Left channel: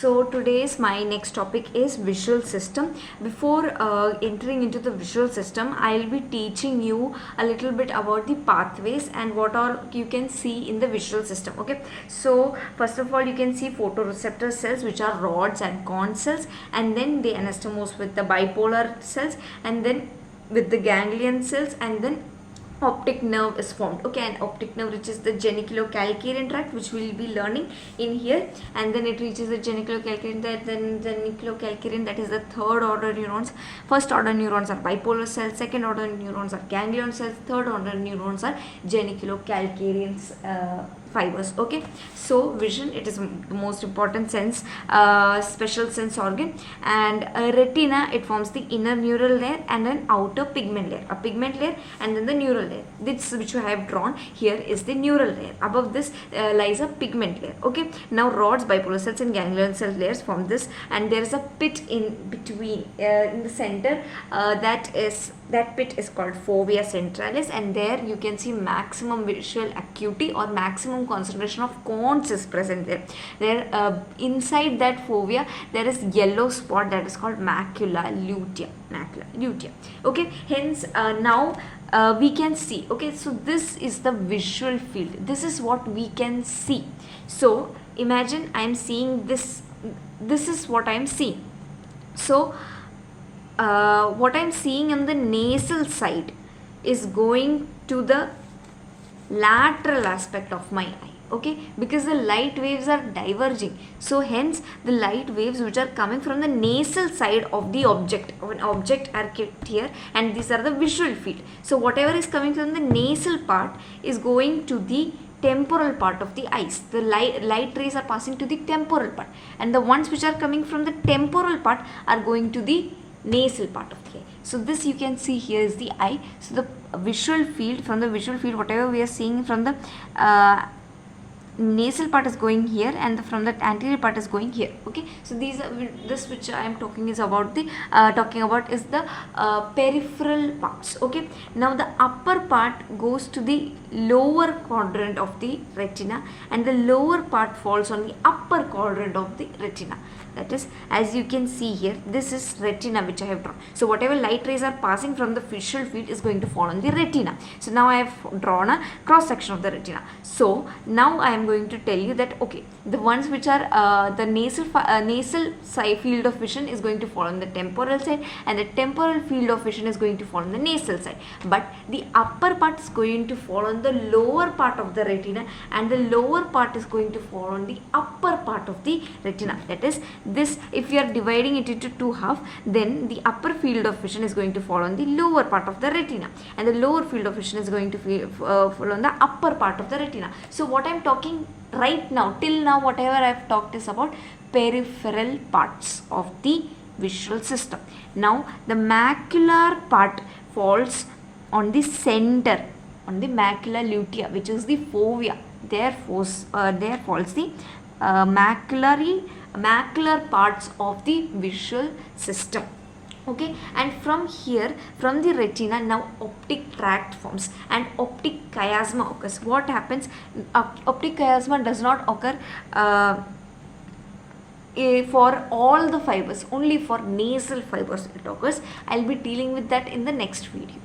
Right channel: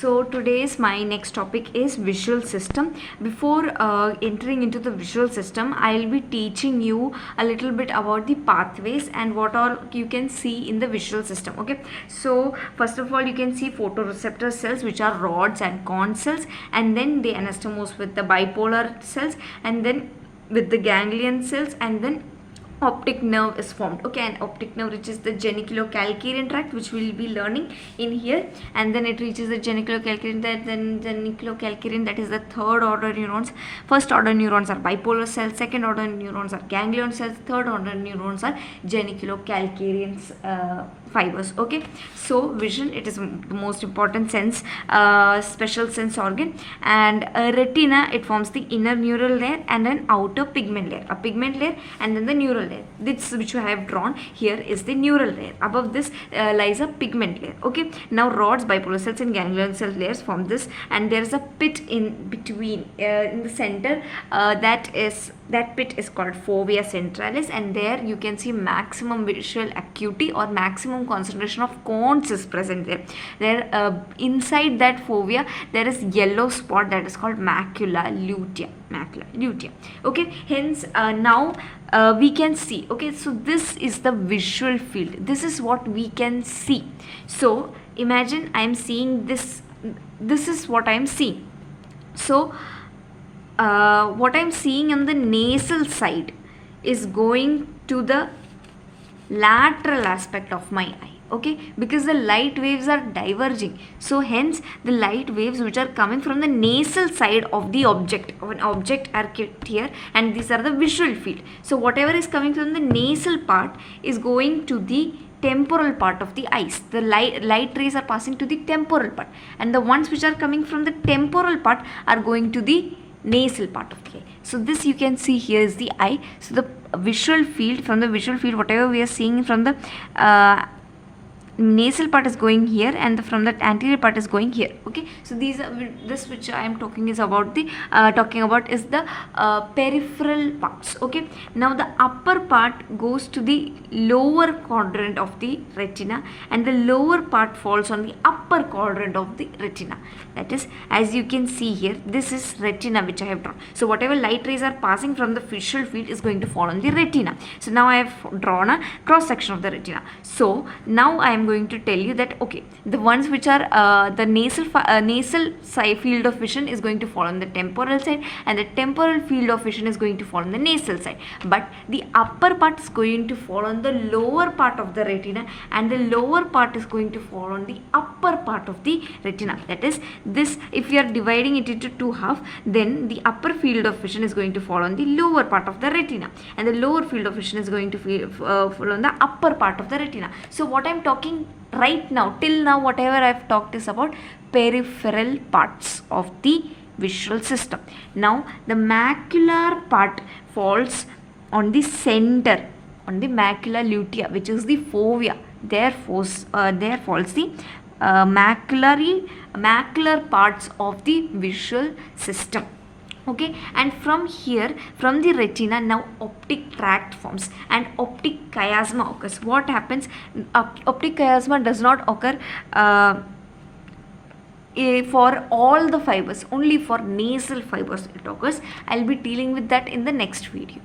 So today's my next topic is visual system. Before entering into the visual system, I'll be teaching you a little bit about the pathways and what all you can see in the visual system. Okay, so first of all, you can see photoreceptor cells, which are rods and cone cells, and then the anastomose with the bipolar cells, and then with the ganglion cells, and then optic nerve is formed. Okay, and optic nerve reaches the geniculocalcarean tract, which we'll be learning in here, and then it reaches the geniculocalcarean tract, then geniculocalcarean, that is the third order neurons. First order neurons are bipolar cells, second order neurons are ganglion cells, third order neurons are geniculocalcarean fibers. Okay, so vision, it is the most important sense, special sense organ, and retina, it forms the inner neural layer and an outer pigment layer, a pigment layer, and then the neural layer. This which I have drawn here is the neural layer. Above this lies a pigment layer. Okay, now rods, bipolar cells, and ganglion cell layers form this, and there is a pit in between, in the center, that pit is called fovea centralis, and there you can see maximum visual acuity or maximum concentration of cones is present there. Inside that fovea there is yellow spot that is called macula lutea. Okay, hence now we can see. Okay, so this is the visual field, this is what we can see. So imagine I am seeing this is what I am seeing. So what I am seeing on the nasal side is going to the lateral aspect of my eye. Okay, because the light waves are diverging, so hence the light waves which are coming from the nasal side of the object, are kept here, and these are the visual field. So whatever is coming from the nasal part is going to the temporal part of the eyes. The light rays are passing to the temporal part, and the ones which are coming from the temporal part are going to the nasal part of the eye. So this you can see here is the eye. So the visual field, from the visual field, whatever we are seeing from the nasal part is going here, and from the anterior part is going here. Okay, so these are, this which I am talking is about the is the peripheral parts. Okay, now the upper part goes to the lower quadrant of the retina, and the lower part falls on the upper quadrant of the retina. That is, as you can see here, this is retina which I have drawn. So whatever light rays are passing from the visual field is going to fall on the retina. So now I have drawn a cross section of the retina. So now I am going to tell you that, okay, the ones which are the nasal side field of vision is going to fall on the temporal side, and the temporal field of vision is going to fall on the nasal side, but the upper part is going to fall on the lower part of the retina, and the lower part is going to fall on the upper part of the retina. That is, this, if you are dividing it into two half, then the upper field of vision is going to fall on the lower part of the retina, and the lower field of vision is going to fall on the upper part of the retina. So what I am talking right now, till now, whatever I have talked is about peripheral parts of the visual system. Now the macular part falls on the center, on the macula lutea, which is the fovea. There falls the macular parts of the visual system. Okay, and from here, from the retina, now optic tract forms and optic chiasma occurs. What happens? Optic chiasma does not occur for all the fibers, only for nasal fibers it occurs. I'll be dealing with that in the next video.